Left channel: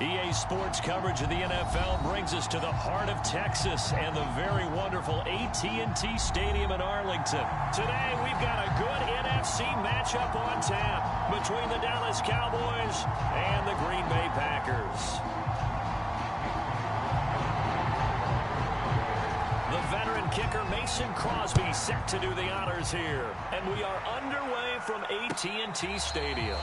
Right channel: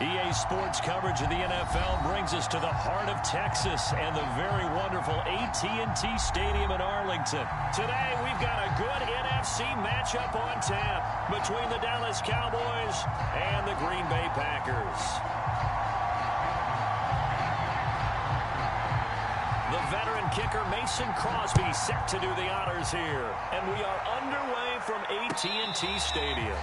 EA Sports coverage of the NFL brings us to the heart of Texas and the very wonderful AT&T Stadium in Arlington. Today, we've got a good NFC matchup on tap between the Dallas Cowboys and the Green Bay Packers. The veteran kicker Mason Crosby set to do the honors here. And we are underway from AT&T Stadium.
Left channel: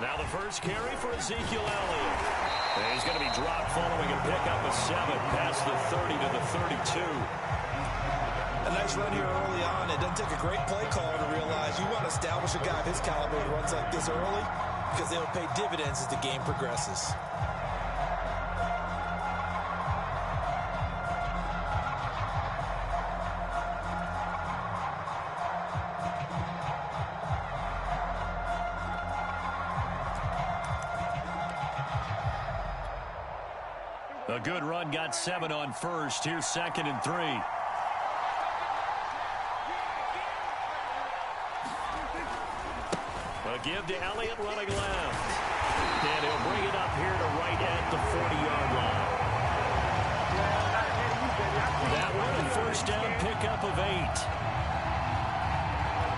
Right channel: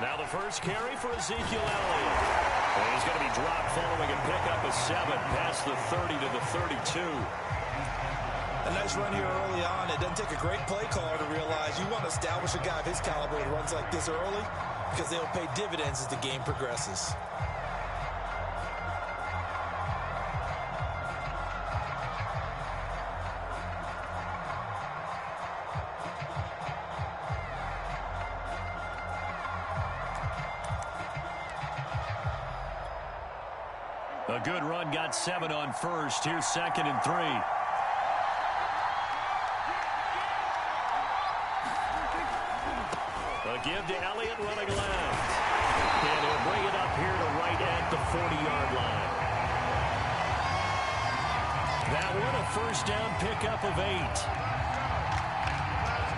Now the first carry for Ezekiel Elliott. And he's going to be dropped following a pickup of 7 past the 30 to the 32. A nice run here early on. It doesn't take a great play caller to realize you want to establish a guy of his caliber who runs like this early because they'll pay dividends as the game progresses. A good run got 7 on first. Here's 2nd and 3. A give to Elliott running left. And he'll bring it up here to right at the 40-yard line. That one a first down pickup of 8.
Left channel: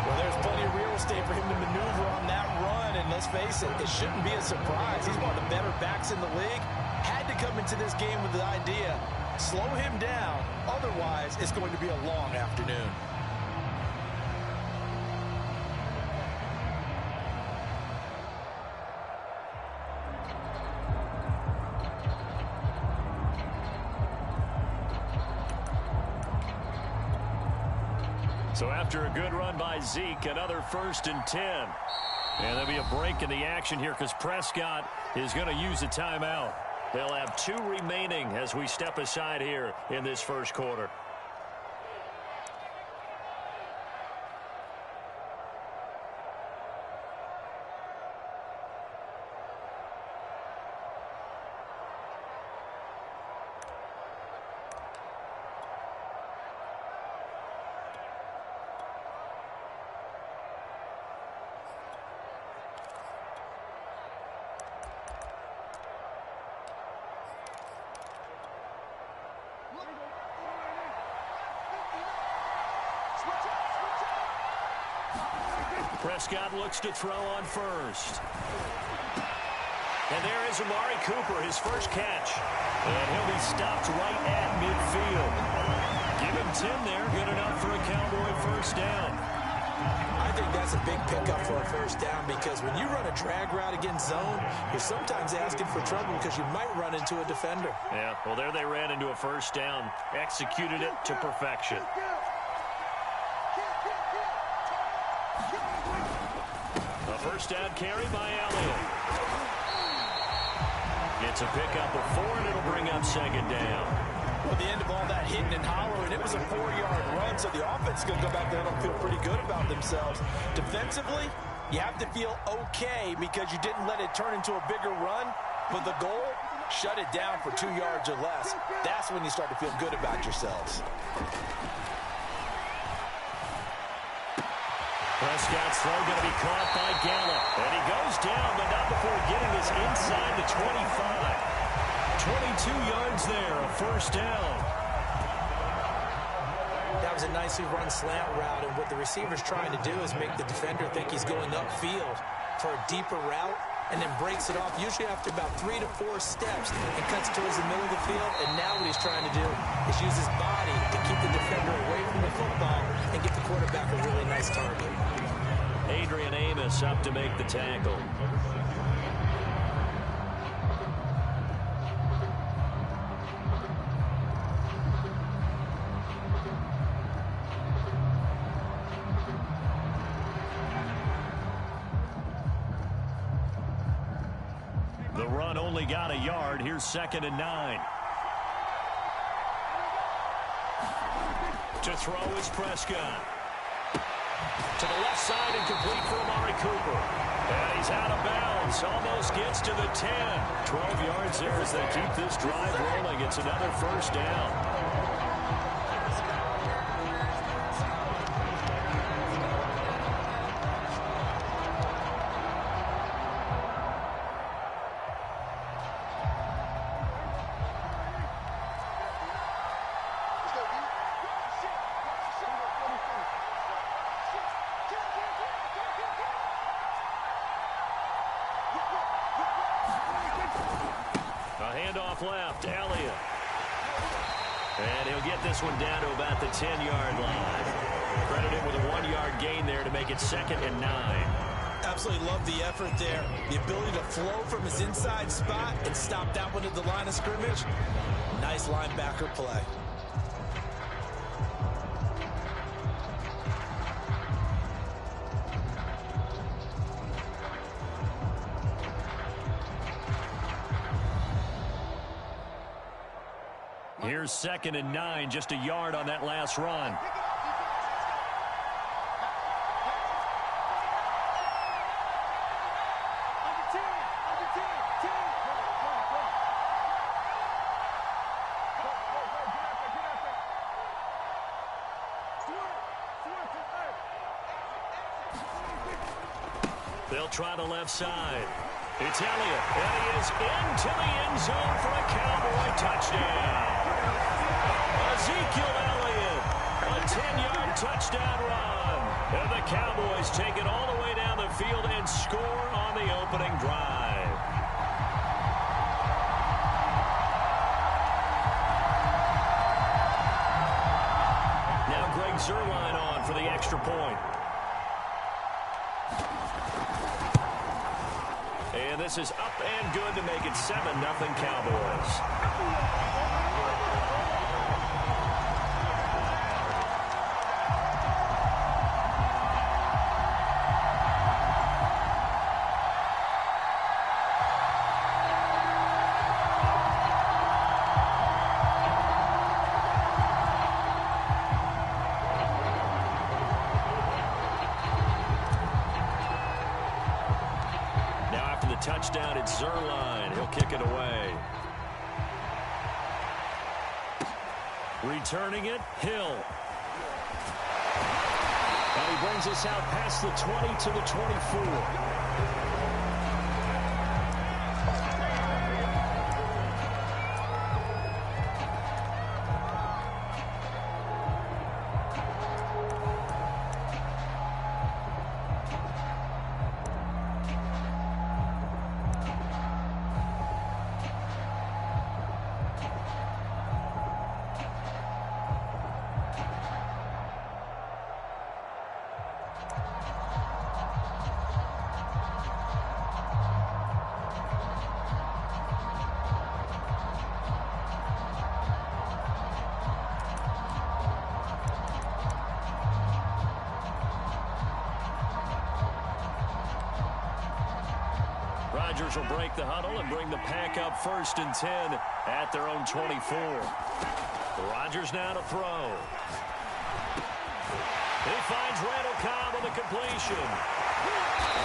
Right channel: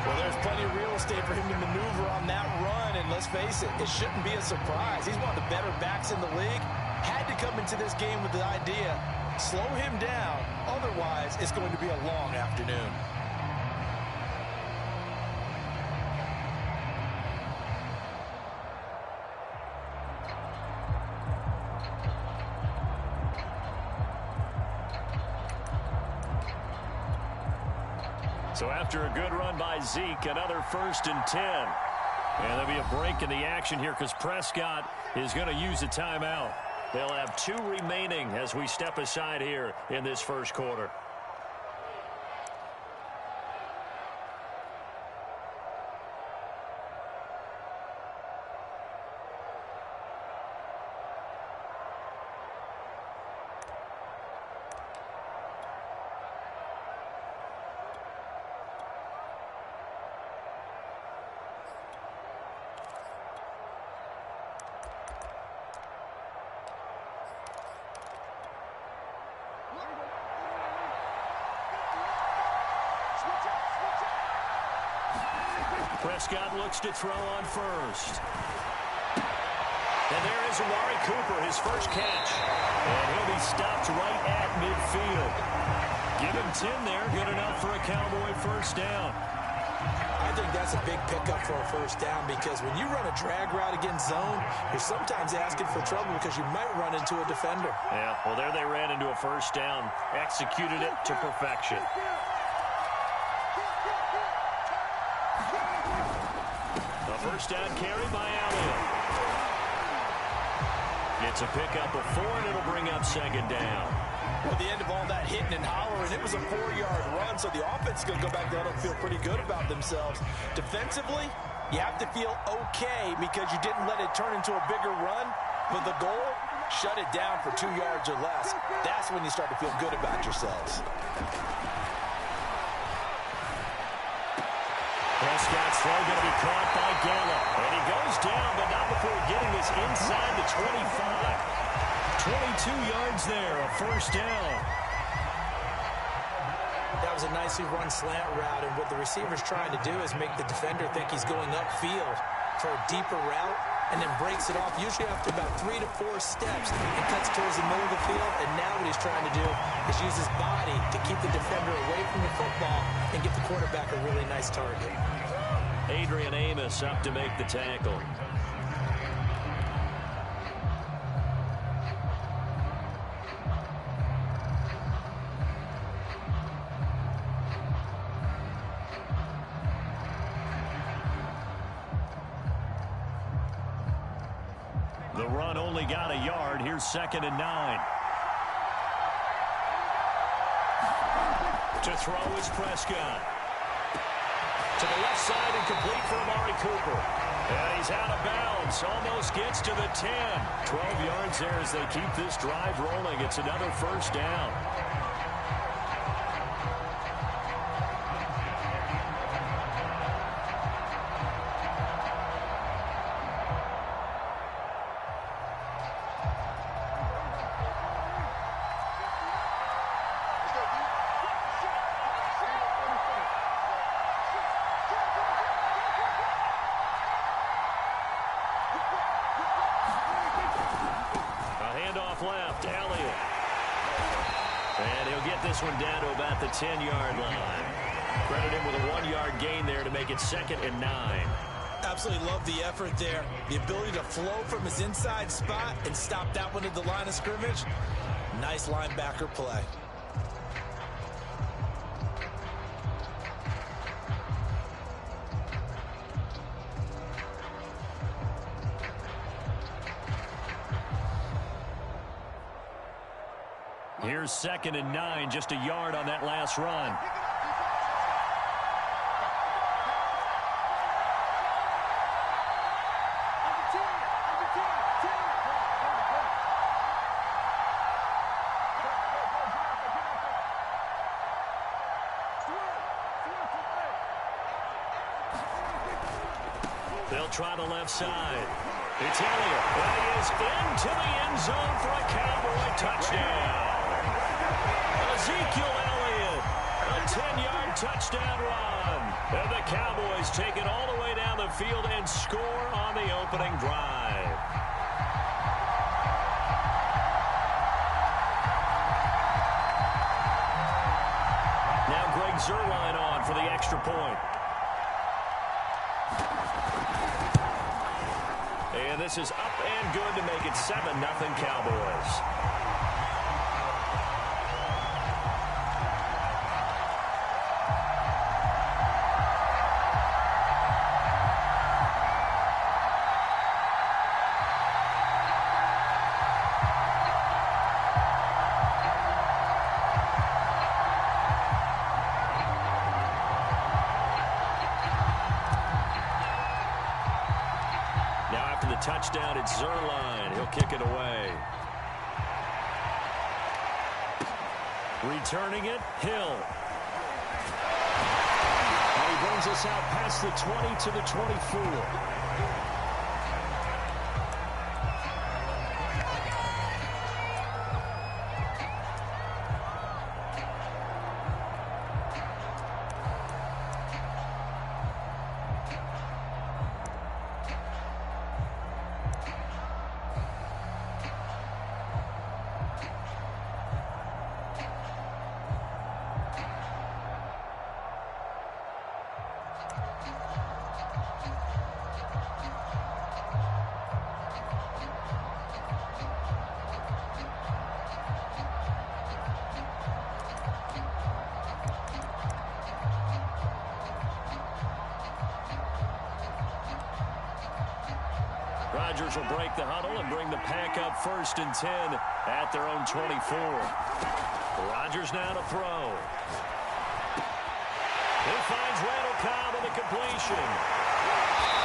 Well, there's plenty of real estate for him to maneuver on that run. And let's face it, it shouldn't be a surprise. He's one of the better backs in the league. Had to come into this game with the idea, slow him down. Otherwise, it's going to be a long afternoon. So after a good run by Zeke, another 1st and 10. And there'll be a break in the action here because Prescott is going to use a timeout. They'll have 2 remaining as we step aside here in this first quarter. Prescott looks to throw on first. And there is Amari Cooper, his first catch. And he'll be stopped right at midfield. Give him 10 there. Good enough for a Cowboy first down. I think that's a big pickup for a first down because when you run a drag route against zone, you're sometimes asking for trouble because you might run into a defender. Yeah, well, there they ran into a first down. Executed it to perfection. A first down carry by Elliott. It's a pickup of 4, and it'll bring up 2nd down. Well, at the end of all that hitting and hollering, it was a 4-yard run, so the offense is going to go back there and feel pretty good about themselves. Defensively, you have to feel okay because you didn't let it turn into a bigger run, but the goal, shut it down for 2 yards or less. That's when you start to feel good about yourselves. Prescott's throw going to be caught by Gallup. And he goes down, but not before getting this inside the 25. 22 yards there, a first down. That was a nicely run slant route, and what the receiver's trying to do is make the defender think he's going upfield for a deeper route, and then breaks it off, usually after about 3 to 4 steps, and cuts towards the middle of the field. And now what he's trying to do is use his body to keep the defender away from the football and get the quarterback a really nice target. Adrian Amos up to make the tackle. The run only got a yard. Here's 2nd and 9. To throw is Prescott. To the left side and complete for Amari Cooper. And he's out of bounds. Almost gets to the 10. 12 yards there as they keep this drive rolling. It's another first down. Handoff left, Elliott. And he'll get this one down to about the 10-yard line. Credit him with a 1-yard gain there to make it 2nd and 9. Absolutely love the effort there. The ability to flow from his inside spot and stop that one at the line of scrimmage. Nice linebacker play. Here's 2nd and 9, just a yard on that last run. They'll try the left side. It's Elliott, and he is into the end zone for a Cowboy touchdown. Ezekiel Elliott, a 10-yard touchdown run. And the Cowboys take it all the way down the field and score on the opening drive. Now Greg Zuerlein on for the extra point. And this is up and good to make it 7-0 Cowboys. Touchdown, it's Zuerlein. He'll kick it away. Returning it, Hill. And he brings us out past the 20 to the 24. Rodgers will break the huddle and bring the pack up 1st and 10 at their own 24. Rodgers now to throw. He finds Randall Cobb on the completion.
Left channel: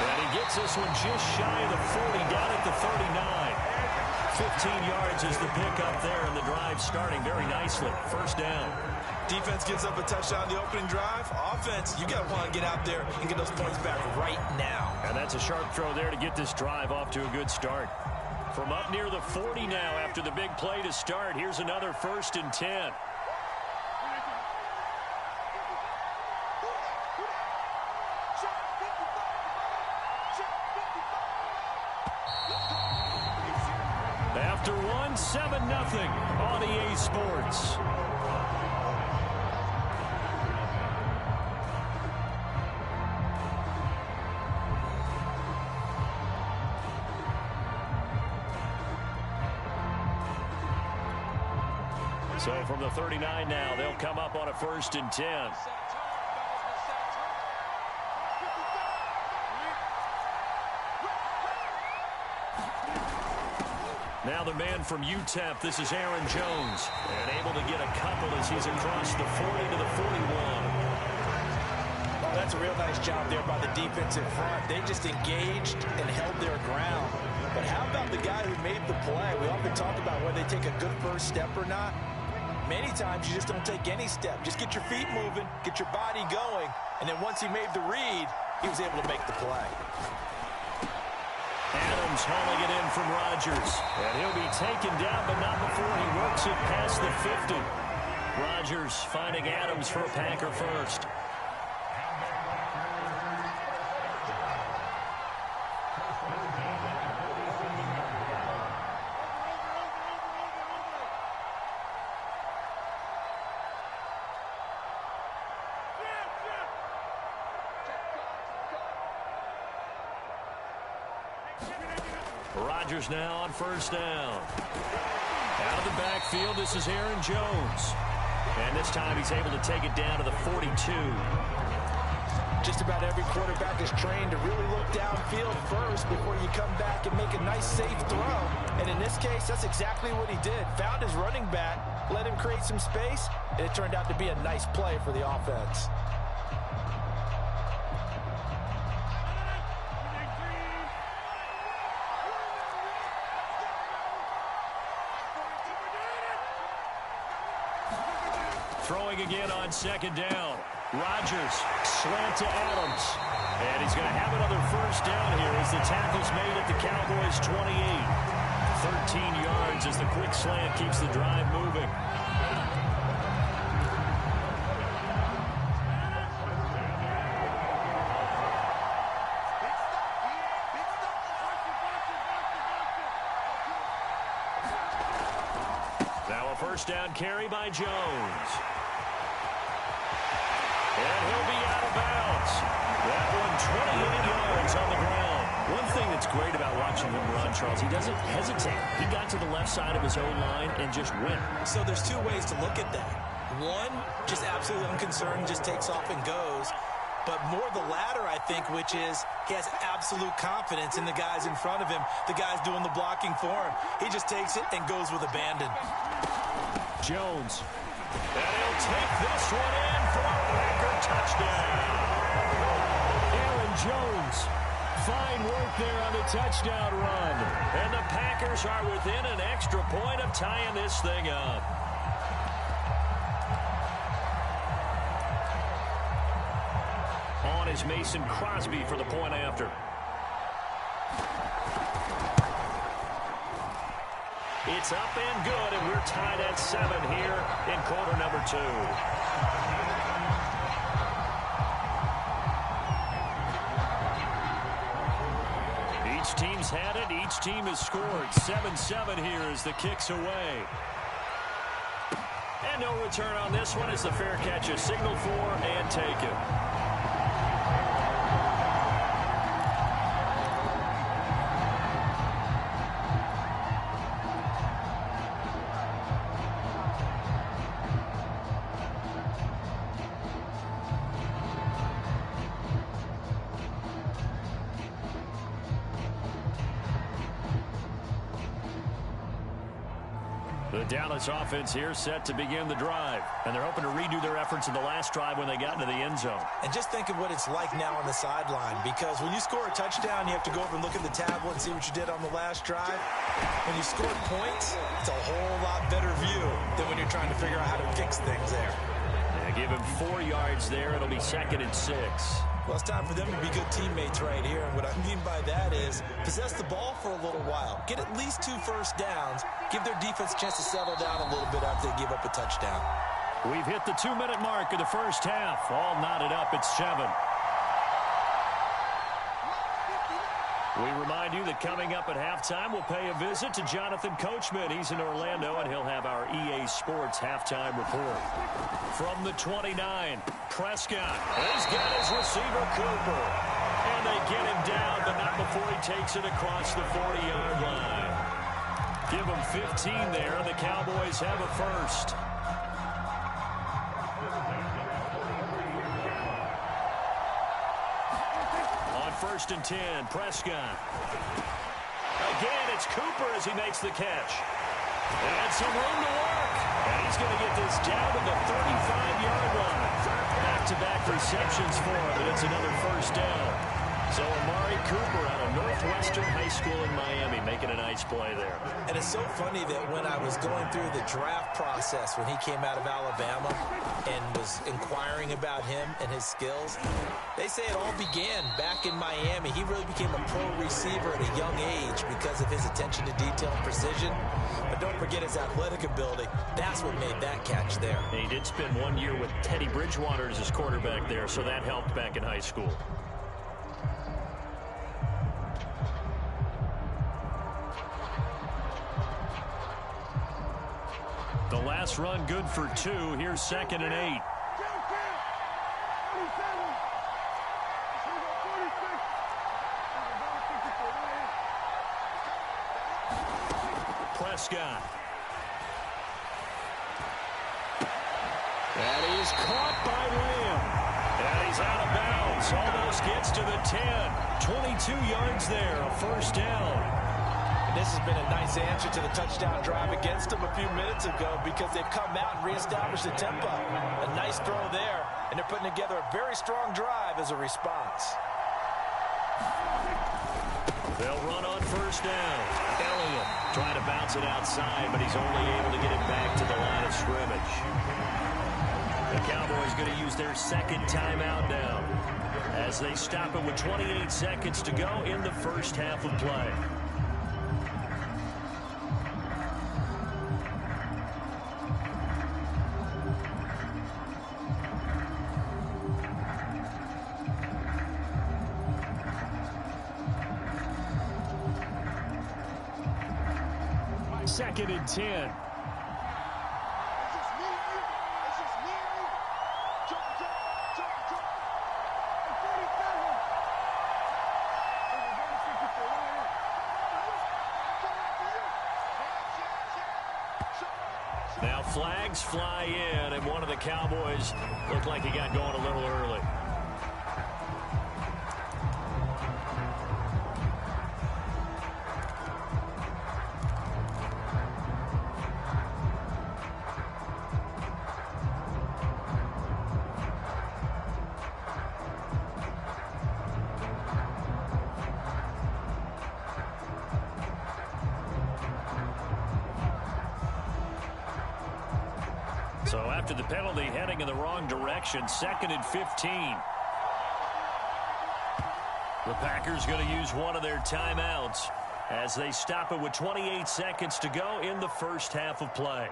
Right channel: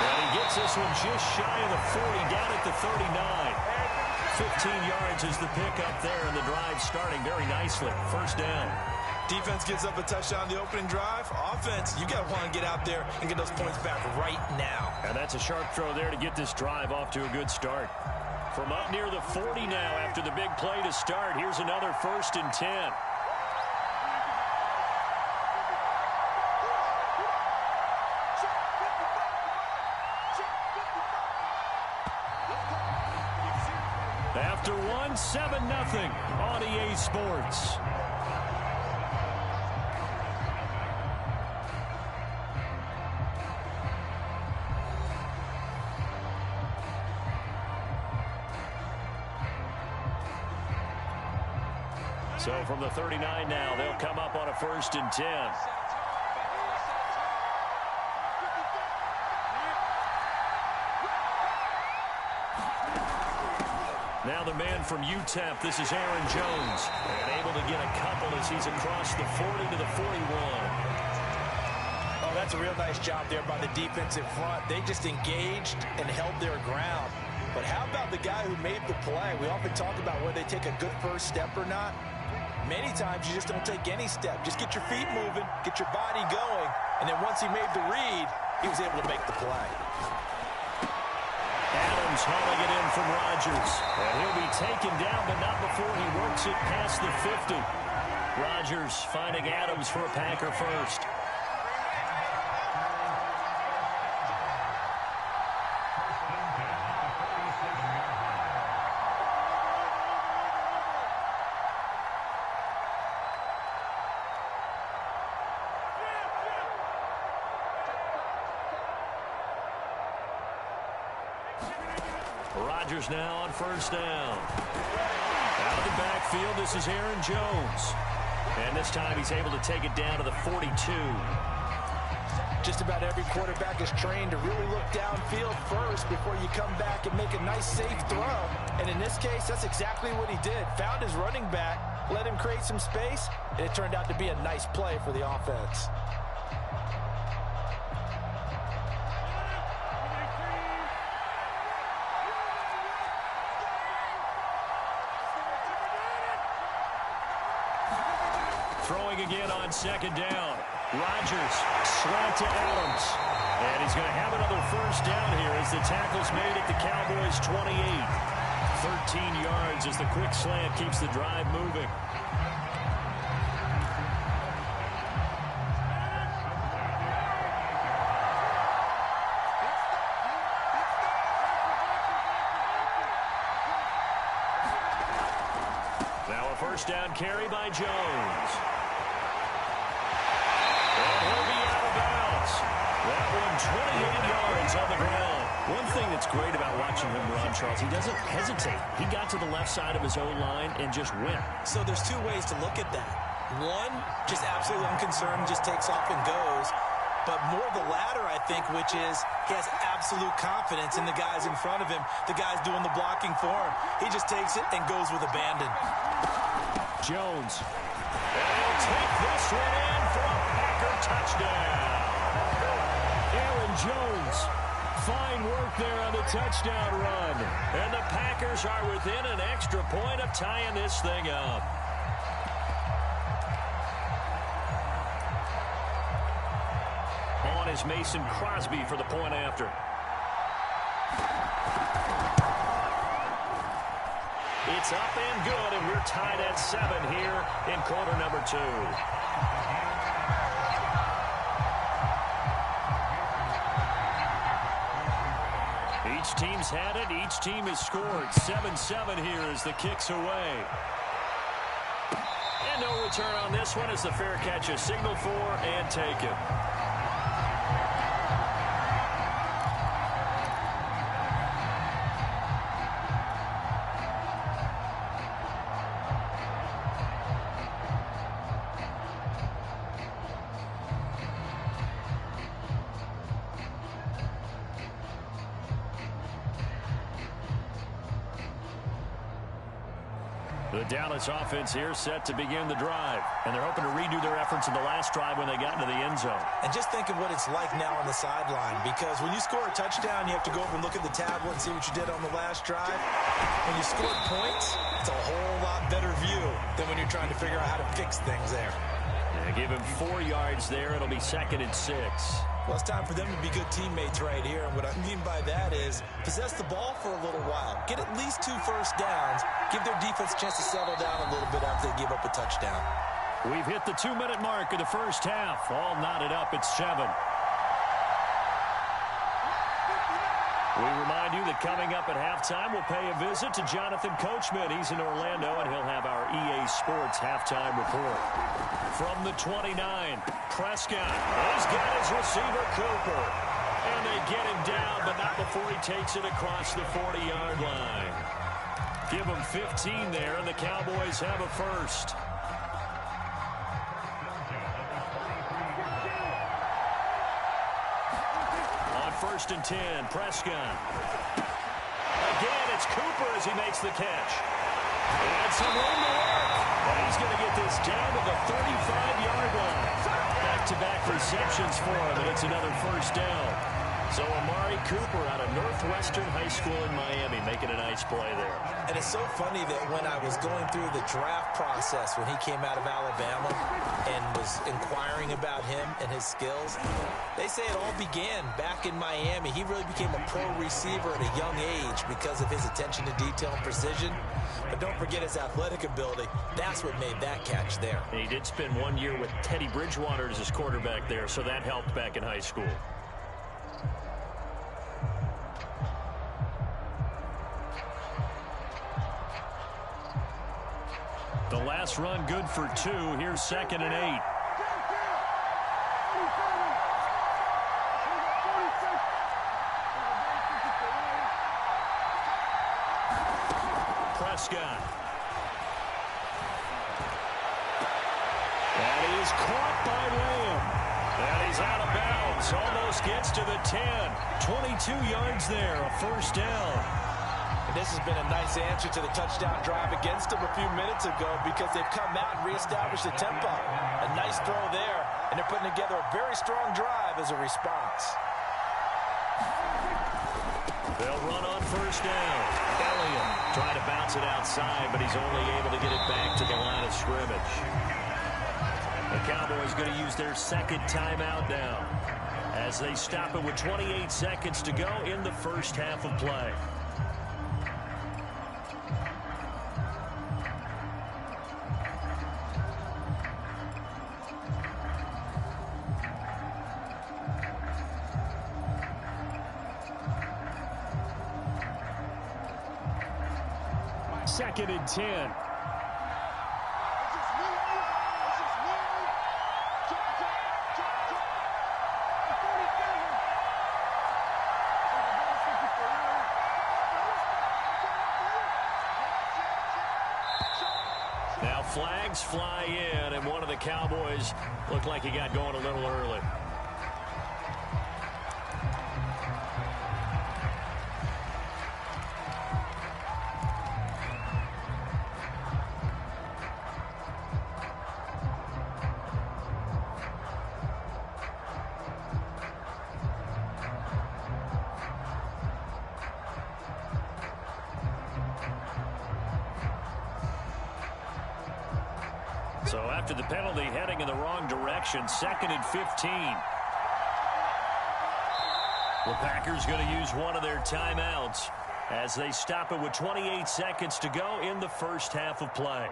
And he gets this one just shy of the 40, down at the 39. 15 yards is the pickup there, and the drive starting very nicely. First down. Defense gives up a touchdown the opening drive. Offense, you got to want to get out there and get those points back right now. And that's a sharp throw there to get this drive off to a good start. From up near the 40 now after the big play to start, here's another 1st and 10. After one, 7-0 on EA Sports. So from the 39 now, they'll come up on a 1st and 10. Now the man from UTEP, this is Aaron Jones. And able to get a couple as he's across the 40 to the 41. Oh, that's a real nice job there by the defensive front. They just engaged and held their ground. But how about the guy who made the play? We often talk about whether they take a good first step or not. Many times you just don't take any step. Just get your feet moving, get your body going, and then once he made the read, he was able to make the play. Adams hauling it in from Rodgers. And he'll be taken down, but not before he works it past the 50. Rodgers finding Adams for a Packer first. Rodgers now on first down. Out of the backfield, this is Aaron Jones. And this time he's able to take it down to the 42. Just about every quarterback is trained to really look downfield first before you come back and make a nice, safe throw. And in this case, that's exactly what he did. Found his running back, let him create some space, and it turned out to be a nice play for the offense. Throwing again on second down. Rodgers, slant to Adams. And he's going to have another first down here as the tackle's made at the Cowboys' 28. 13 yards as the quick slant keeps the drive moving. Now a first down carry by Jones. And he'll be out of bounds. That one 28 yards on the ground. One thing that's great about watching him run, Charles, he doesn't hesitate. He got to the left side of his own line and just went. So there's two ways to look at that. One, just absolutely unconcerned, just takes off and goes. But more the latter, I think, which is he has absolute confidence in the guys in front of him, the guys doing the blocking for him. He just takes it and goes with abandon. Jones. And he'll take this one in for a Packer touchdown. Aaron Jones. Fine work there on the touchdown run. And the Packers are within an extra point of tying this thing up. On is Mason Crosby for the point after. It's up and good, and we're tied at 7 here in quarter number 2. Each team's had it. Each team has scored. 7-7 here as the kick's away. And no return on this one as the fair catch is signaled for and taken. The Dallas offense here set to begin the drive. And they're hoping to redo their efforts in the last drive when they got into the end zone. And just think of what it's like now on the sideline. Because when you score a touchdown, you have to go over and look at the tablet and see what you did on the last drive. When you scored points, it's a whole lot better view than when you're trying to figure out how to fix things there. Yeah, give him 4 yards there. It'll be 2nd and 6. Well, it's time for them to be good teammates right here. And what I mean by that is possess the ball for a little while. Get at least 2 first downs. Give their defense a chance to settle down a little bit after they give up a touchdown. We've hit the 2-minute mark of the first half. All knotted up at 7. We remind you that coming up at halftime, we'll pay a visit to Jonathan Coachman. He's in Orlando, and he'll have our EA Sports halftime report. From the 29, Prescott. He's got his receiver, Cooper. And they get him down, but not before he takes it across the 40-yard line. Give him 15 there, and the Cowboys have a first. On 1st and 10, Prescott. Again, it's Cooper. Cooper as he makes the catch. And some room to work. And he's going to get this down to the 35-yard line. Back-to-back receptions for him, and it's another first down. So Amari Cooper out of Northwestern High School in Miami making a nice play there. And it's so funny that when I was going through the draft process when he came out of Alabama and was inquiring about him and his skills, they say it all began back in Miami. He really became a pro receiver at a young age because of his attention to detail and precision. But don't forget his athletic ability. That's what made that catch there. And he did spend 1 year with Teddy Bridgewater as his quarterback there, so that helped back in high school. The last run good for 2. Here's 2nd and 8. Prescott. And he's caught by Lamb. And he's out of bounds. Almost gets to the 10. 22 yards there. A first down. And this has been a nice answer to the touchdown drive against them a few minutes ago because they've come out and reestablished the tempo. A nice throw there, and they're putting together a very strong drive as a response. They'll run on first down. Elliott trying to bounce it outside, but he's only able to get it back to the line of scrimmage. The Cowboys going to use their second timeout now as they stop it with 28 seconds to go in the first half of play. Second and 10. Now flags fly in, and one of the Cowboys looked like he got going a little early. So after the penalty, heading in the wrong direction, 2nd and 15. The Packers going to use one of their timeouts as they stop it with 28 seconds to go in the first half of play.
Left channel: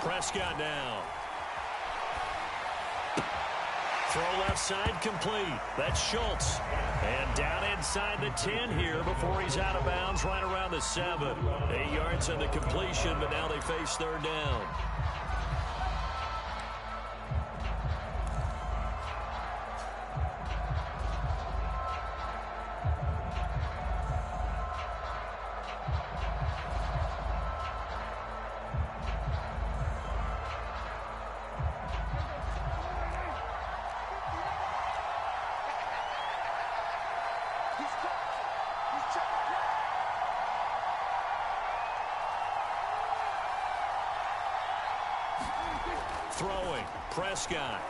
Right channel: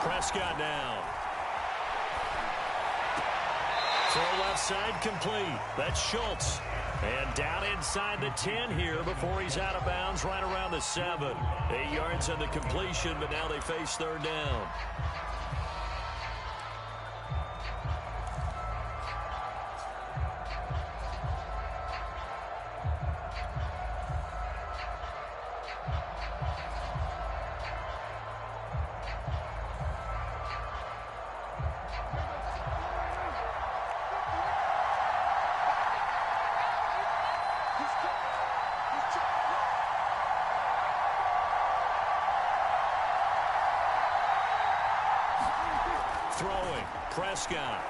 Prescott down. Throw left side complete. That's Schultz. And down inside the 10 here before he's out of bounds right around the 7. 8 yards on the completion, but now they face third down. Throwing, Prescott.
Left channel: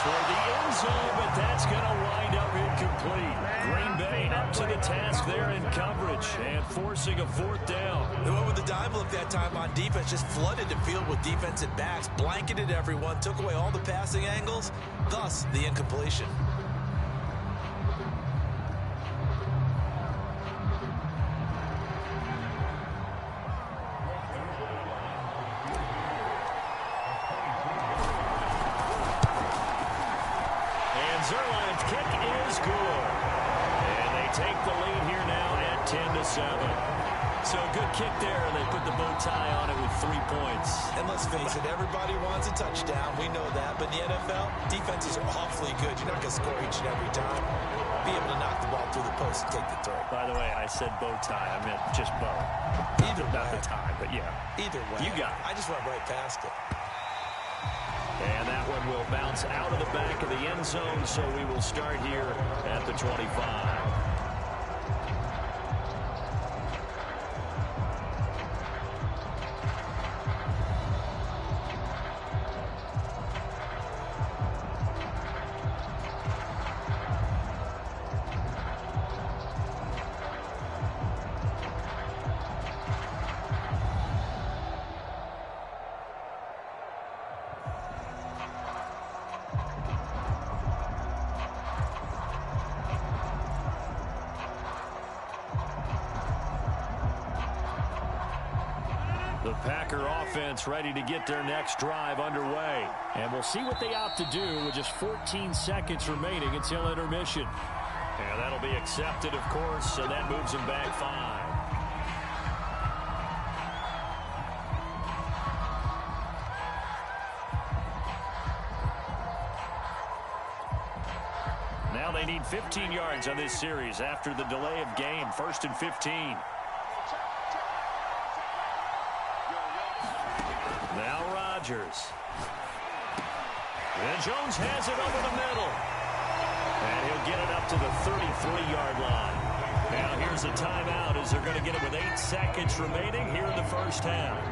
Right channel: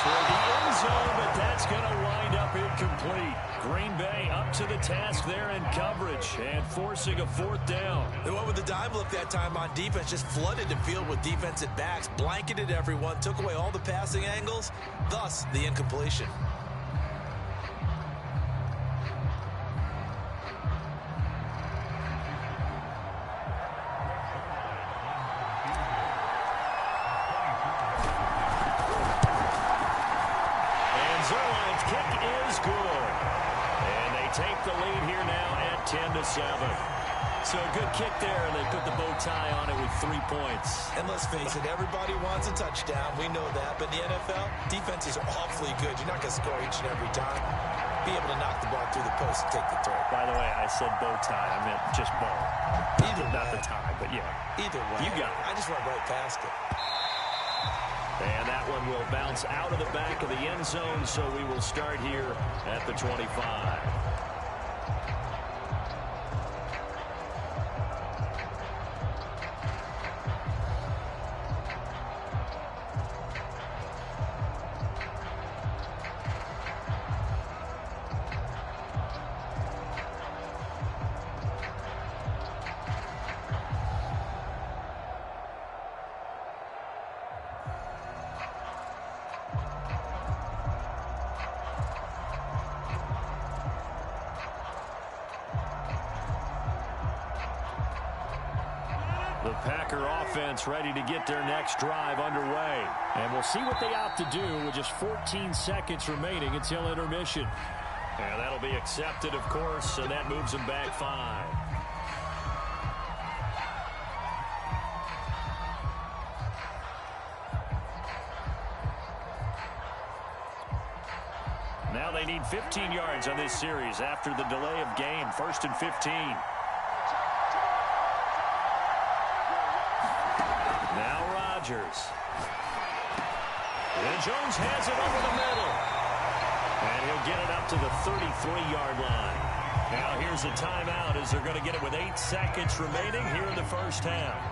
Toward the end zone, but that's going to wind up incomplete. Green Bay up to the task there in coverage and forcing a fourth down. They went with the dive look that time on defense, just flooded the field with defensive backs, blanketed everyone, took away all the passing angles, thus the incompletion. take the lead here now at 10-7. So a good kick there, and they put the bow tie on it with 3 points. And let's face it, everybody wants a touchdown. We know that. But in the NFL, defenses are awfully good. You're not going to score each and every time. Be able to knock the ball through the post and take the throw. By the way, I said bow tie. I meant just bow. Not the tie, but yeah. Either way. You got it. I just went right past it. And that one will bounce out of the back of the end zone, so we will start here at the 25. The Packer offense ready to get their next drive underway. And we'll see what they opt to do with just 14 seconds remaining until intermission. And that'll be accepted, of course, and that moves them back 5. Now they need 15 yards on this series after the delay of game. 1st and 15. Now Rodgers. And Jones has it over the middle. And he'll get it up to the 33-yard line. Now here's a timeout as they're going to get it with 8 seconds remaining here in the first half.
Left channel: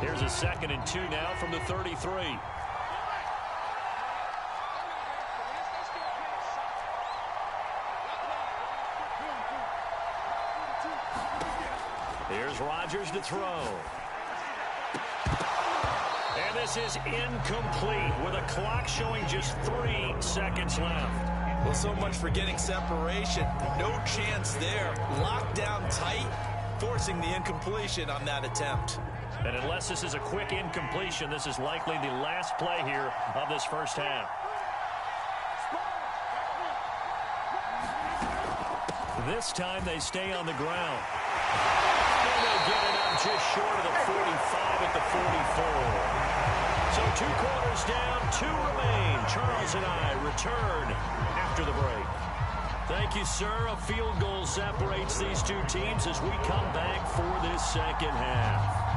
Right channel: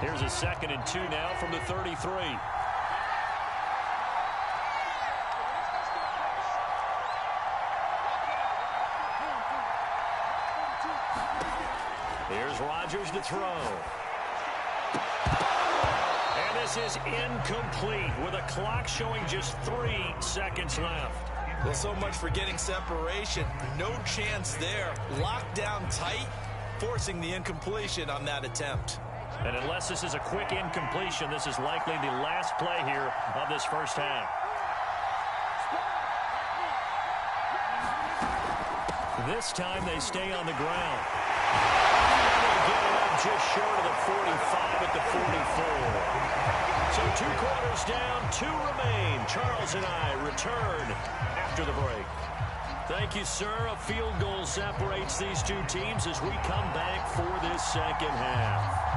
Here's a 2nd and 2 now from the 33. Here's Rodgers to throw. And this is incomplete with a clock showing just 3 seconds left. Well, so much for getting separation. No chance there. Locked down tight, forcing the incompletion on that attempt. And unless this is a quick incompletion, this is likely the last play here of this first half. This time they stay on the ground. And they get it up just short of the 45 at the 44. So 2 quarters down, 2 remain. Charles and I return after the break. Thank you, sir. A field goal separates these 2 teams as we come back for this second half.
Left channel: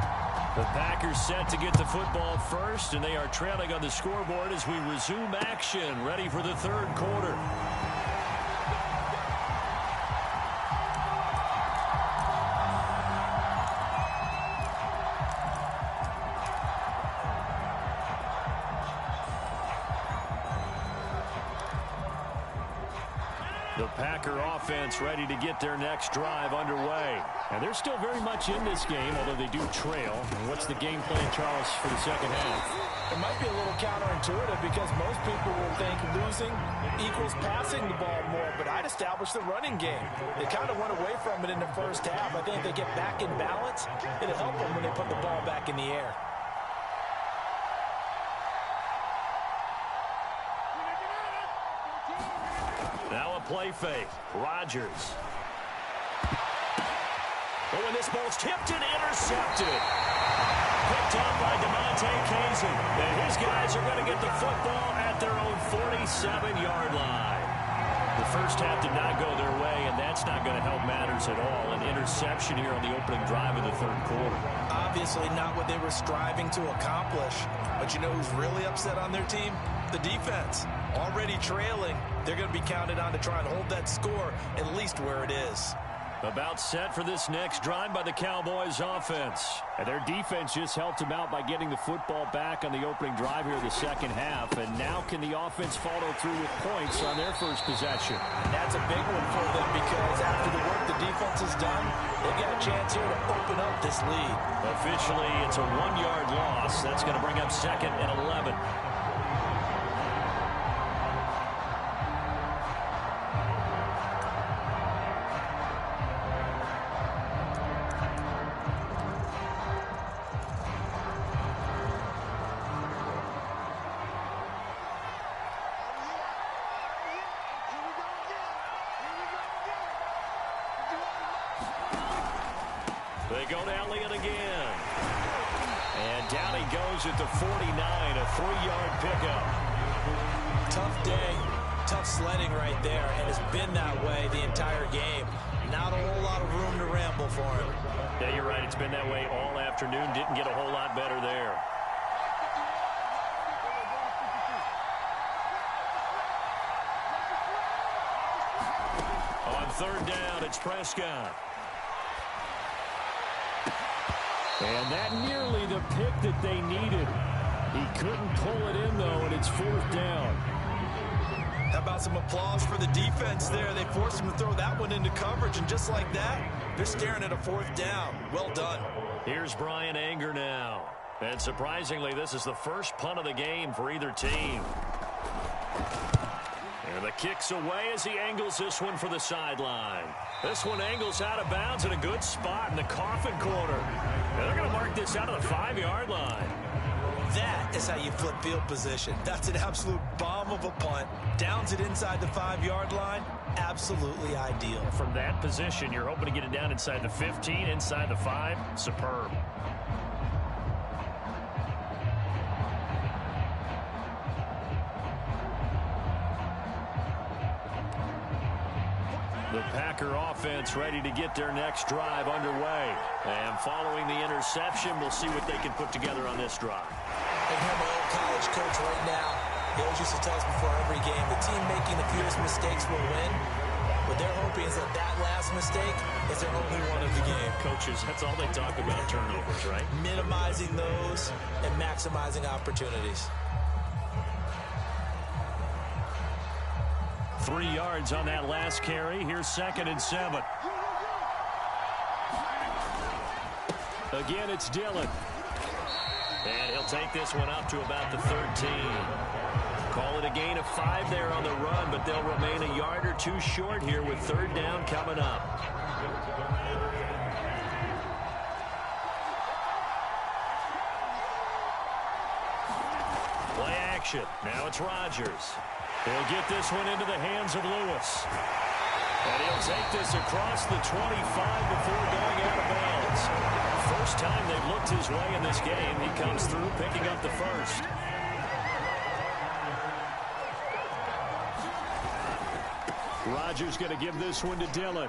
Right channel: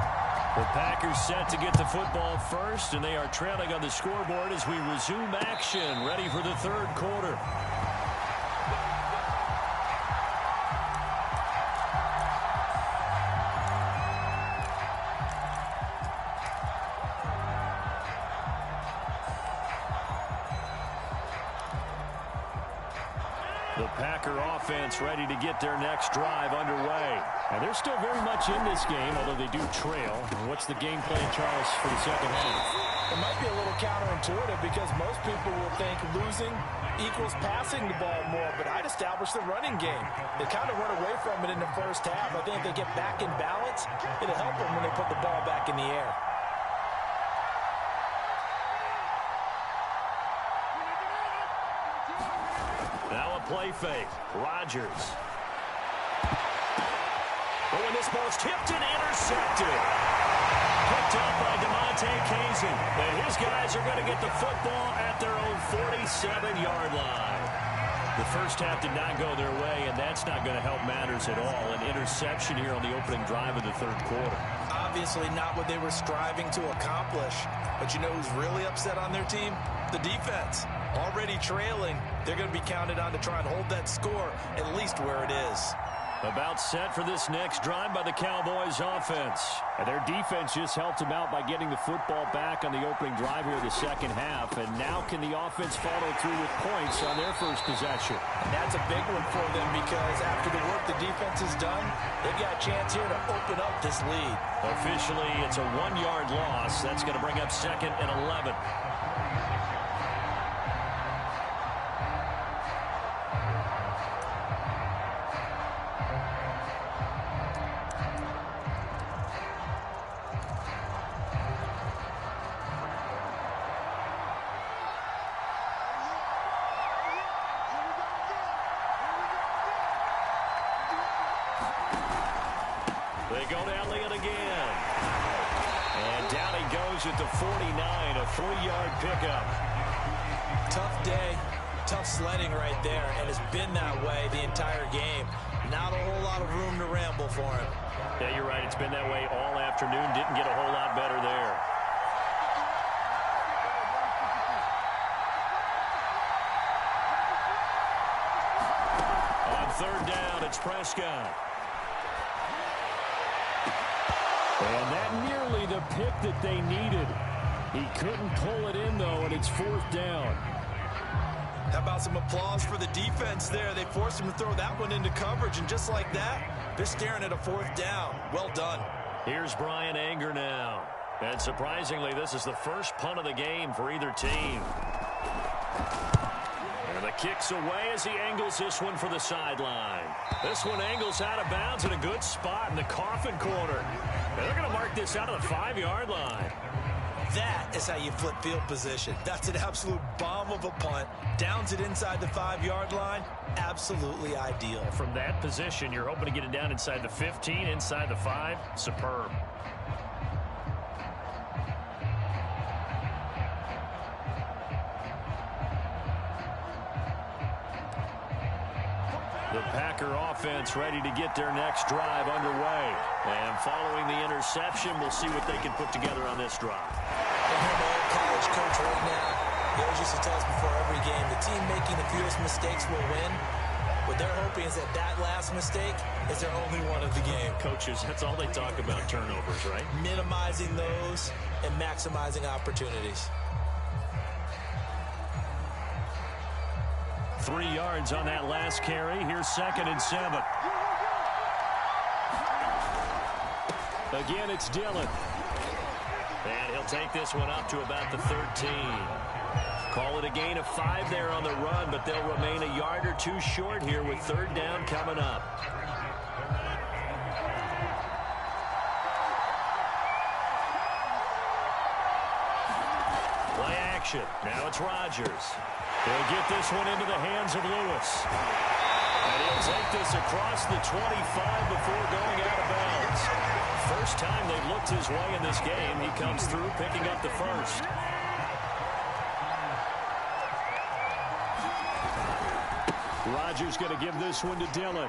The Packers set to get the football first, and they are trailing on the scoreboard as we resume action, ready for the 3rd quarter. The Packer offense ready to get their next drive underway. And they're still very much in this game, although they do trail. And what's the game plan, Charles, for the second half? It might be a little counterintuitive because most people will think losing equals passing the ball more, but I'd establish the running game. They kind of went away from it in the first half. I think if they get back in balance, it'll help them when they put the ball back in the air. Now a play fake. Rodgers. But when this ball's tipped and intercepted. Picked up by DeMonte Kazin. And his guys are going to get the football at their own 47-yard line. The first half did not go their way, and that's not going to help matters at all. An interception here on the opening drive of the 3rd quarter. Obviously not what they were striving to accomplish. But you know who's really upset on their team? The defense. Already trailing. They're going to be counted on to try and hold that score at least where it is. About set for this next drive by the Cowboys offense. And their defense just helped them out by getting the football back on the opening drive here in the second half. And now can the offense follow through with points on their first possession? And that's a big one for them because after the work the defense has done, they've got a chance here to open up this lead. Officially, it's a 1-yard loss. That's going to bring up 2nd and 11. They go to Elliott again. And down he goes at the 49, a 3-yard pickup. Tough day, tough sledding right there, and it's been that way the entire game. Not a whole lot of room to ramble for him. Yeah, you're right. It's been that way all afternoon. Didn't get a whole lot better there. On third down, it's Prescott. And that nearly the pick that they needed. He couldn't pull it in, though, and it's fourth down. How about some applause for the defense there? They forced him to throw that one into coverage, and just like that, they're staring at a fourth down. Well done. Here's Brian Anger now. And surprisingly, this is the first punt of the game for either team. And the kick's away as he angles this one for the sideline. This one angles out of bounds in a good spot in the coffin corner. And they're going to mark this out of the 5-yard line. That is how you flip field position. That's an absolute bomb of a punt. Downs it inside the 5-yard line. Absolutely ideal. From that position, you're hoping to get it down inside the 15, inside the 5. Superb. The Packer offense ready to get their next drive underway. And following the interception, we'll see what they can put together on this drive. I hear my old college coach right now. He always used to tell us before every game, the team making the fewest mistakes will win. What they're hoping is that that last mistake is their only one of the game. Coaches, that's all they talk about, turnovers, right? Minimizing those and maximizing opportunities. 3 yards on that last carry. Here's 2nd and 7. Again, it's Dillon. And he'll take this one up to about the 13. Call it a gain of 5 there on the run, but they'll remain a yard or 2 short here with third down coming up. Play action. Now it's Rodgers. He'll get this one into the hands of Lewis. And he'll take this across the 25 before going out of bounds. First time they've looked his way in this game. He comes through picking up the first. Rodgers going to give this one to Dillon.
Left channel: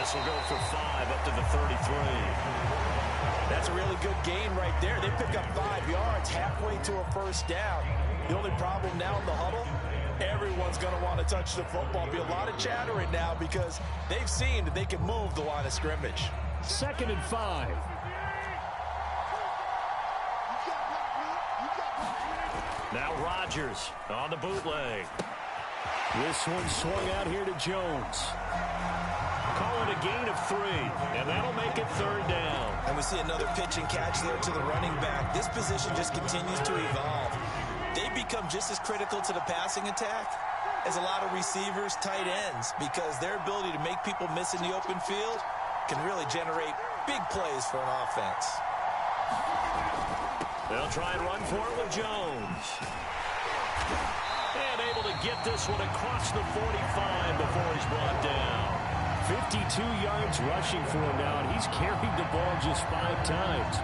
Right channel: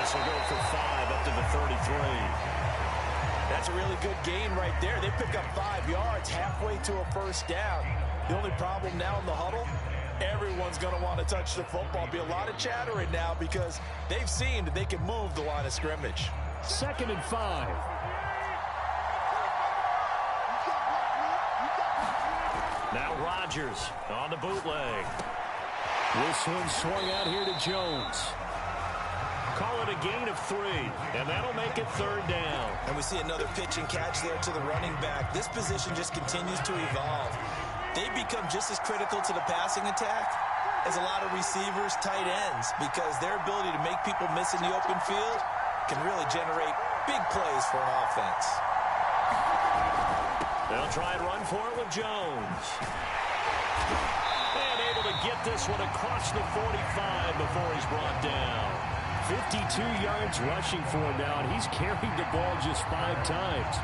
This will go for 5 up to the 33. That's a really good gain right there. They pick up 5 yards halfway to a first down. The only problem now in the huddle, everyone's going to want to touch the football. Be a lot of chattering now because they've seen that they can move the line of scrimmage. 2nd and 5. Now Rodgers on the bootleg. This one swung out here to Jones. Call it a gain of 3, and that'll make it third down. And we see another pitch and catch there to the running back. This position just continues to evolve. They become just as critical to the passing attack as a lot of receivers, tight ends, because their ability to make people miss in the open field can really generate big plays for an offense. They'll try and run for it with Jones. And able to get this one across the 45 before he's brought down. 52 yards rushing for him now, and he's carried the ball just 5 times.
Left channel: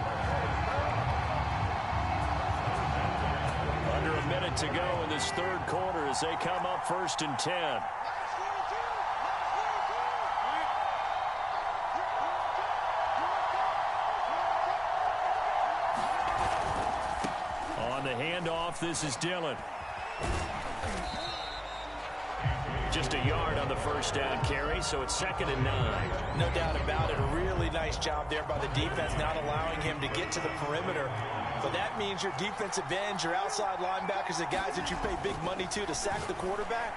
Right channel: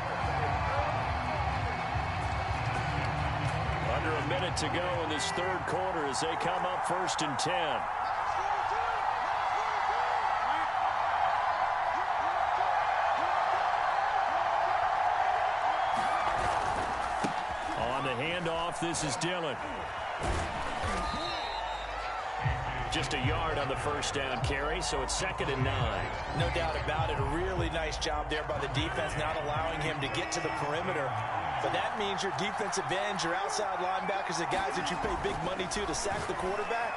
Under a minute to go in this third quarter as they come up 1st and 10. On the handoff, this is Dillon. Just a yard on the first down carry, so it's 2nd and 9. No doubt about it. A really nice job there by the defense, not allowing him to get to the perimeter. But that means your defensive ends, your outside linebackers, the guys that you pay big money to sack the quarterback,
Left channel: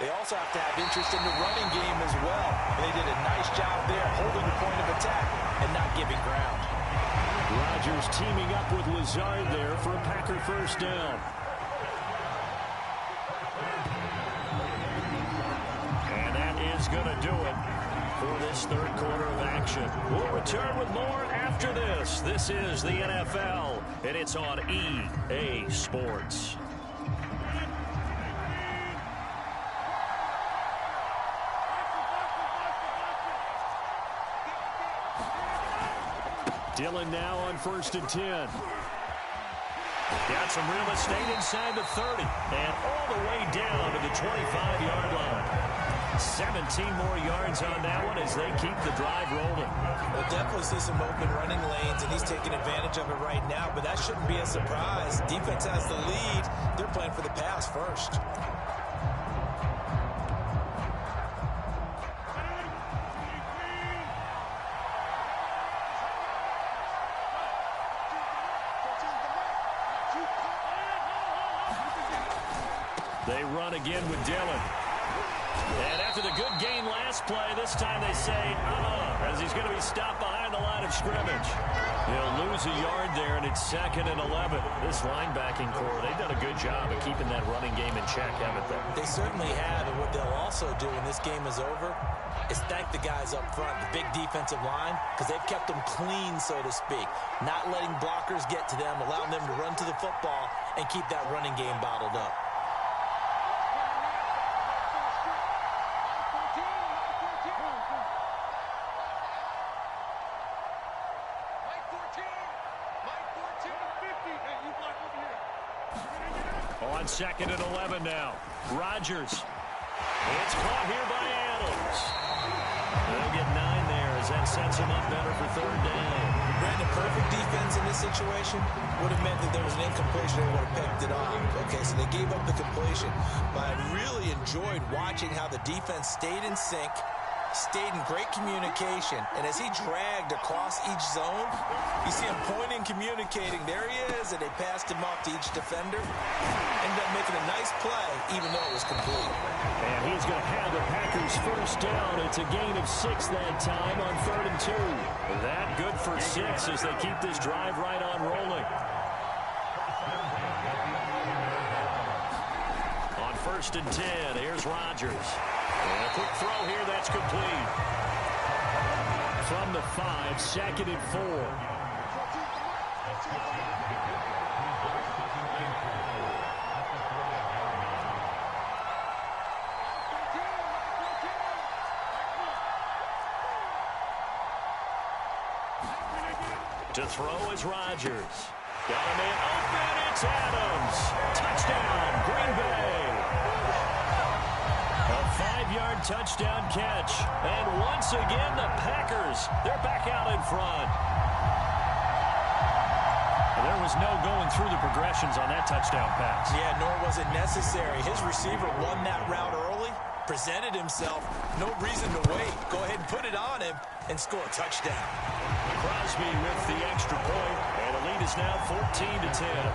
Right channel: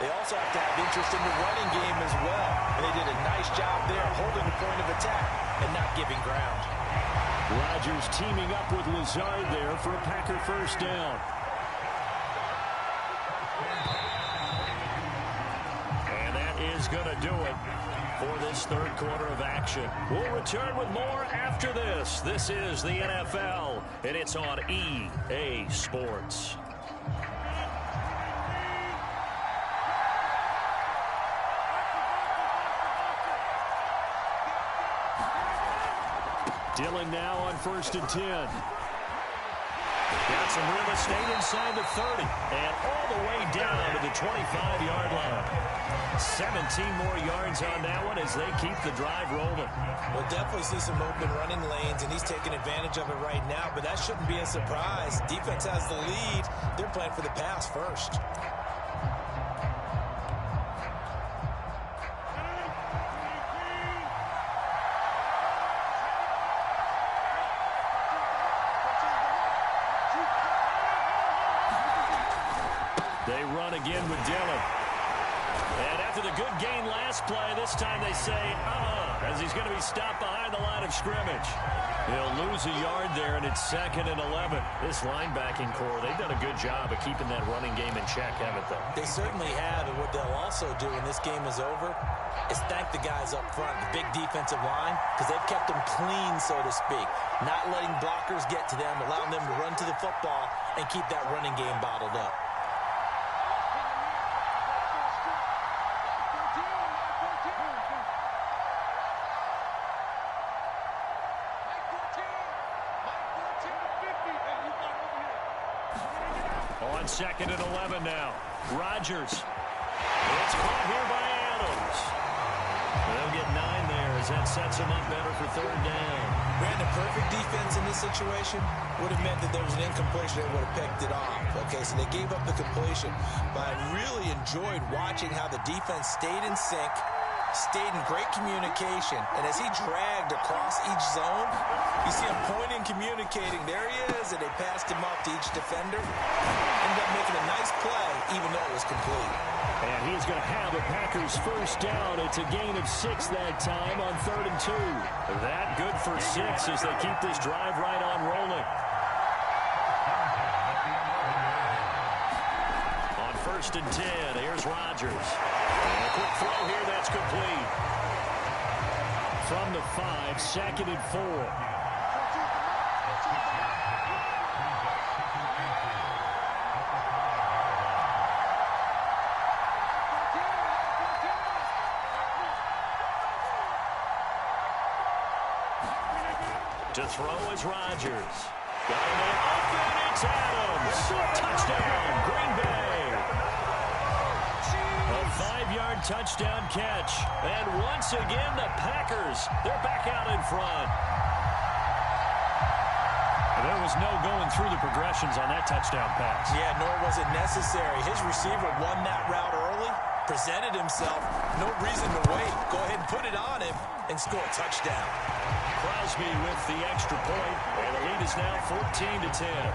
they also have to have interest in the running game as well. And they did a nice job there, holding the point of attack and not giving ground. Rodgers teaming up with Lazard there for a Packer first down. And that is going to do it for this third quarter of action. We'll return with more after this. This is the NFL, and it's on EA Sports. Dillon now on 1st and 10. Got some real estate inside the 30 and all the way down to the 25-yard line. 17 more yards on that one as they keep the drive rolling. We'll definitely see some open running lanes, and he's taking advantage of it right now, but that shouldn't be a surprise. Defense has the lead. They're playing for the pass first. They run again with Dillon. And after the good gain last play, this time they say, as he's going to be stopped behind the line of scrimmage. He'll lose a yard there, and it's 2nd and 11. This linebacking core, they've done a good job of keeping that running game in check, haven't they? They certainly have, and what they'll also do when this game is over is thank the guys up front, the big defensive line, because they've kept them clean, so to speak. Not letting blockers get to them, allowing them to run to the football and keep that running game bottled up. On 2nd and 11 now. Rodgers. It's caught here by Adams. They'll get 9 there as that sets them up better for 3rd down. Brandon, perfect defense in this situation would have meant that there was an incompletion. They would have picked it off. Okay, so they gave up the completion. But I really enjoyed watching how the defense stayed in sync, stayed in great communication, and as he dragged across each zone, you see him pointing, communicating. There he is, and they passed him off to each defender. Ended up making a nice play, even though it was complete. And he's going to have a Packers 1st down. It's a gain of 6 that time on 3rd and 2. That good for 6 as they keep this drive right on rolling. On 1st and 10, here's Rodgers. And a quick throw here, that's complete. From the 5, 2nd and 4. To throw is Rodgers. Got a man open, it's Adams. Touchdown, Green Bay. A 5-yard touchdown catch. And once again, the Packers, they're back out in front. There was no going through the progressions on that touchdown pass. Yeah, nor was it necessary. His receiver won that route early, presented himself. No reason to wait. Go ahead and put it on him and score a touchdown. Crosby with the extra point, and the lead is now 14-10.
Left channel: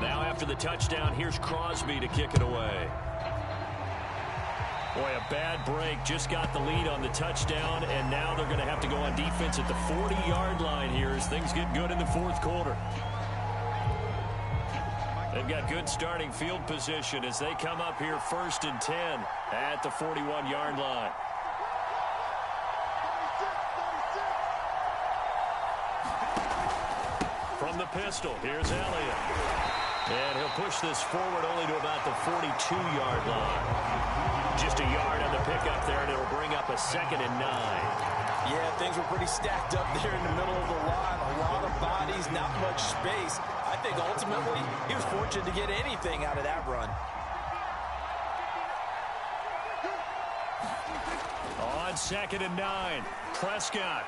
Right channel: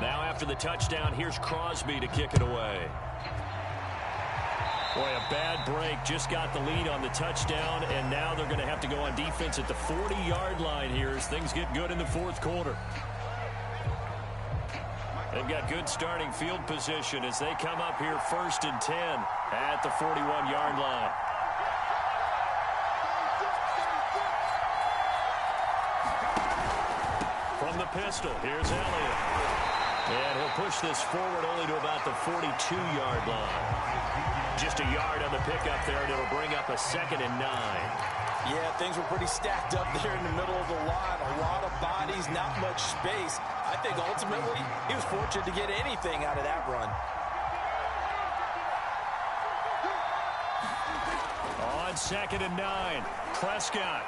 Now after the touchdown, here's Crosby to kick it away. Boy, a bad break. Just got the lead on the touchdown, and now they're going to have to go on defense at the 40-yard line here as things get good in the 4th quarter. They've got good starting field position as they come up here 1st and 10 at the 41-yard line. From the pistol, here's Elliott. And he'll push this forward only to about the 42-yard line. Just a yard on the pickup there, and it'll bring up a 2nd and 9. Yeah, things were pretty stacked up there in the middle of the line. A lot of bodies, not much space. I think ultimately he was fortunate to get anything out of that run. On 2nd and 9, Prescott.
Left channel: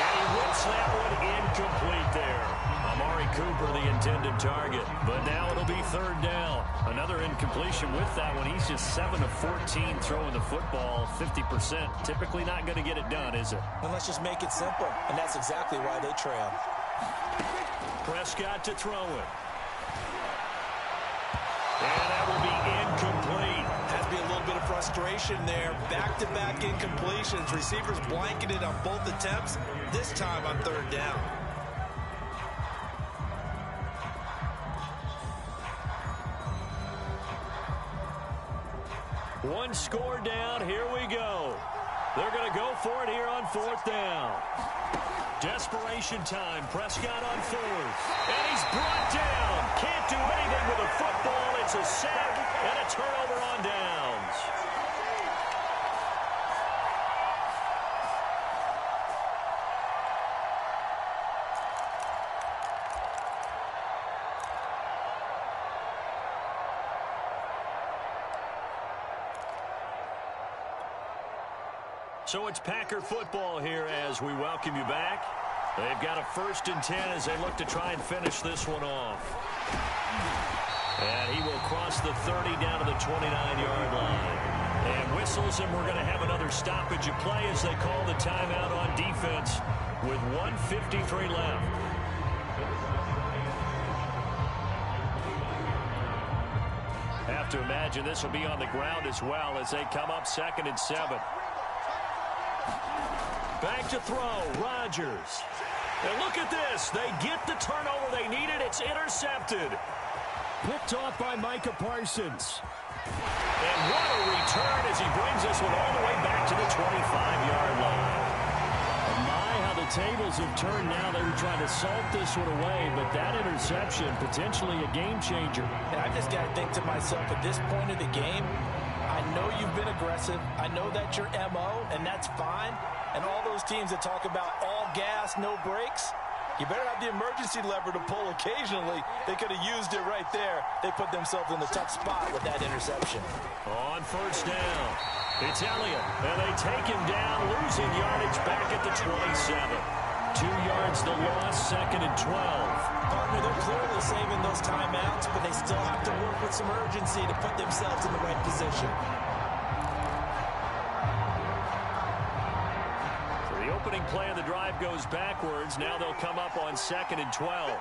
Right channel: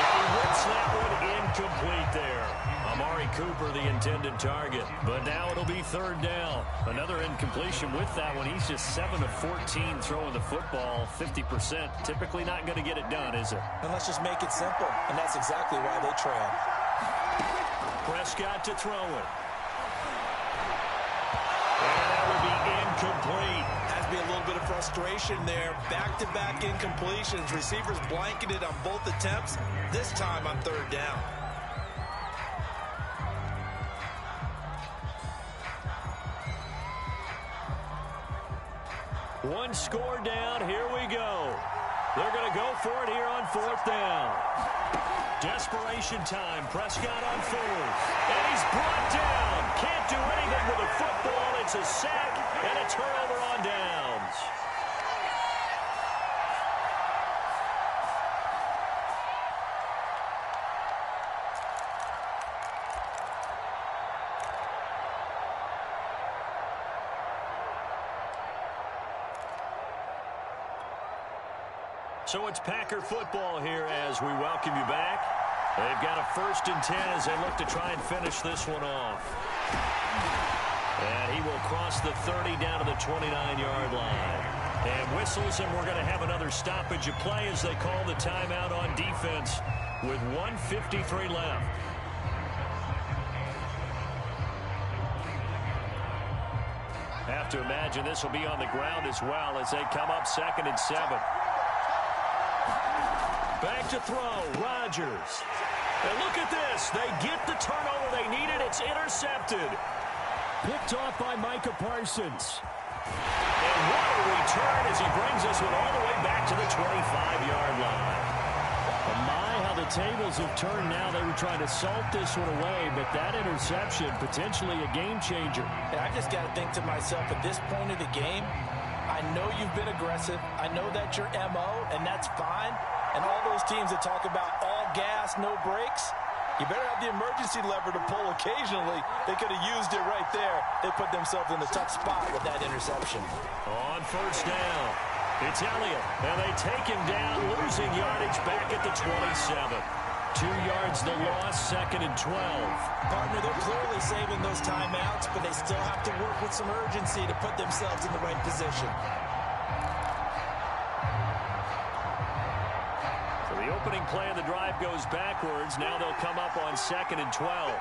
And he whips that one incomplete there. Amari Cooper, the intended target. But now it'll be third down. Another incompletion with that one. He's just 7 of 14 throwing the football, 50%. Typically not going to get it done, is it? And let's just make it simple. And that's exactly why they trail. Prescott to throw it. And that will be incomplete. Has to be a little bit of frustration there. Back-to-back incompletions. Receivers blanketed on both attempts, this time on third down. One score down. Here we go. They're going to go for it here on fourth down. Desperation time. Prescott on fourth. And he's brought down. Can't do anything with a football. It's a sack and a turnover on downs. So it's Packer football here as we welcome you back. They've got a 1st and 10 as they look to try and finish this one off. And he will cross the 30 down to the 29-yard line. And whistles, and we're going to have another stoppage of play as they call the timeout on defense with 1:53 left. Have to imagine this will be on the ground as well as they come up 2nd and 7. Back to throw, Rodgers. And look at this. They get the turnover they needed. It's intercepted. Picked off by Micah Parsons. And what a return as he brings this one all the way back to the 25-yard line. My, how the tables have turned now. They were trying to salt this one away, but that interception, potentially a game changer. And I just got to think to myself, at this point of the game, I know you've been aggressive. I know that's your MO, and that's fine. And all those teams that talk about all gas, no brakes, you better have the emergency lever to pull occasionally. They could have used it right there. They put themselves in the tough spot with that interception. On 1st down, it's Elliott. And they take him down, losing yardage back at the 27. 2 yards the loss, 2nd and 12. Partner, they're clearly saving those timeouts, but they still have to work with some urgency to put themselves in the right position. So the opening play of the drive goes backwards. Now they'll come up on 2nd and 12.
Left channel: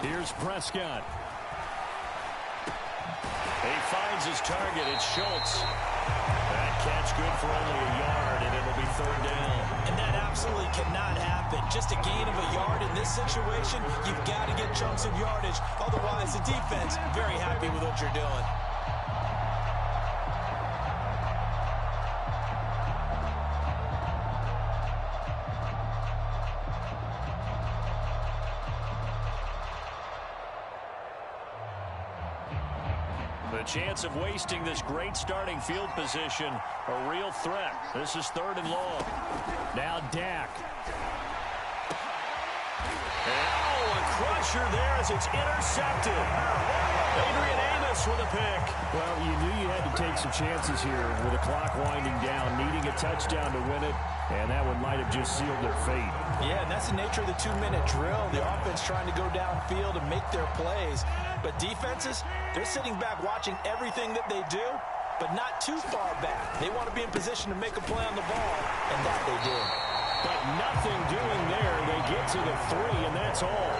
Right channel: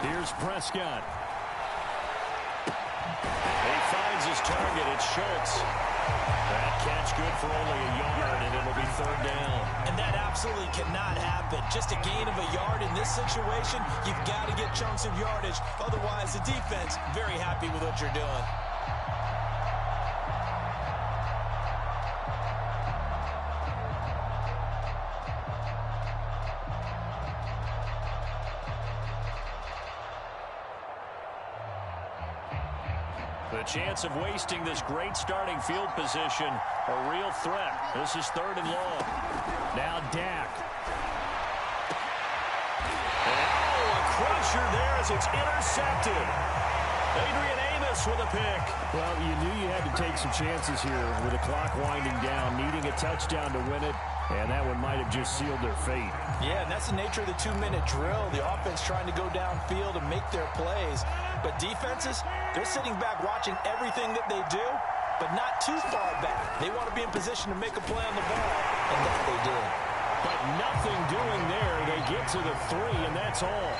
Here's Prescott. He finds his target. It's Schultz. That catch good for only a yard, and it'll be 3rd down. And that absolutely cannot happen. Just a gain of a yard in this situation, you've got to get chunks of yardage. Otherwise, the defense, very happy with what you're doing. The chance of wasting this great starting field position, a real threat. This is 3rd and long. Now Dak. And, oh, a crusher there as it's intercepted. Adrian Amos with a pick. Well, you knew you had to take some chances here with the clock winding down, needing a touchdown to win it, and that one might have just sealed their fate. Yeah, and that's the nature of the 2-minute drill. The offense trying to go downfield and make their plays. But defenses, they're sitting back watching everything that they do, but not too far back. They want to be in position to make a play on the ball, and that they do. But nothing doing there. They get to the 3, and that's all.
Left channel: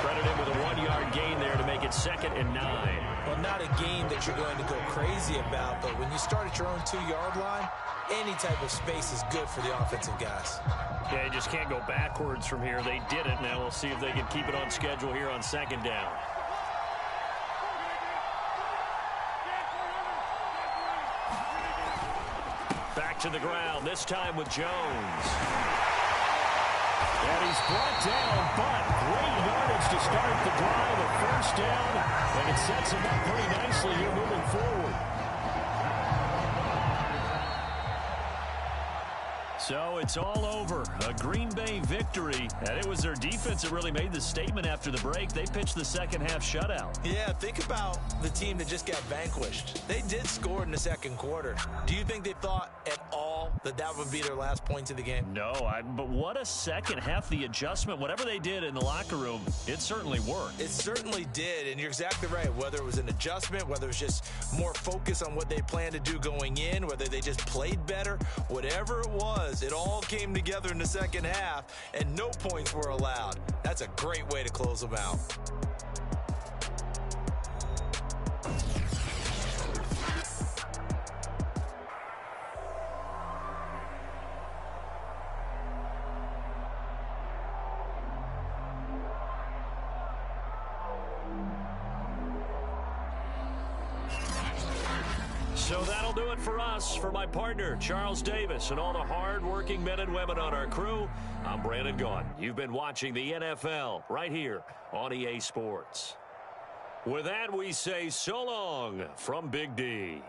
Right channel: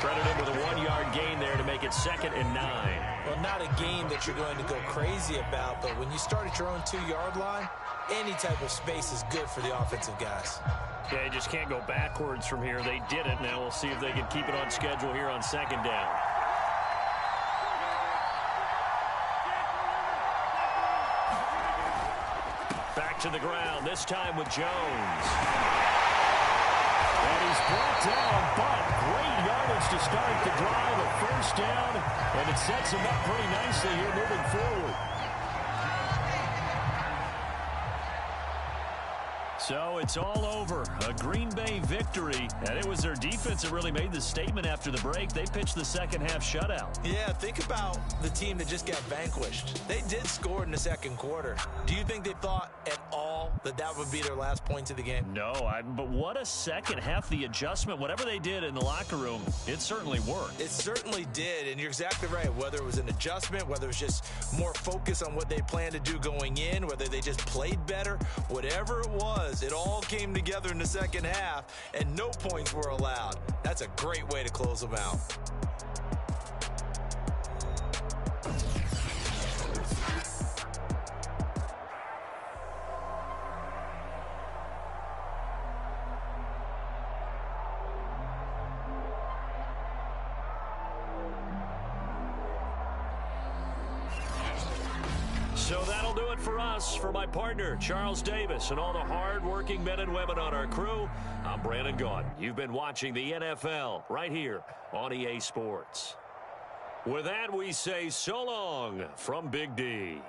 Credit him with a 1-yard gain there to make it 2nd and 9. Well, not a game that you're going to go crazy about, but when you start at your own 2-yard line, any type of space is good for the offensive guys. Yeah, you just can't go backwards from here. They did it. Now we'll see if they can keep it on schedule here on 2nd down. Back to the ground, this time with Jones. And he's brought down, but great yardage to start the drive. A 1st down, and it sets him up pretty nicely here moving forward. So it's all over. A Green Bay victory, and it was their defense that really made the statement after the break. They pitched the second half shutout. Yeah, think about the team that just got vanquished. They did score in the second quarter. Do you think they thought at all that that would be their last points of the game? No, but what a second half. The adjustment, whatever they did in the locker room, it certainly worked. It certainly did, and you're exactly right. Whether it was an adjustment, whether it was just more focus on what they planned to do going in, whether they just played better, whatever it was, it all came together in the second half, and no points were allowed. That's a great way to close them out. So that'll do it for us. For my partner, Charles Davis, and all the hard-working men and women on our crew, I'm Brandon Gaudin. You've been watching the NFL right here on EA Sports. With that, we say so long from Big D.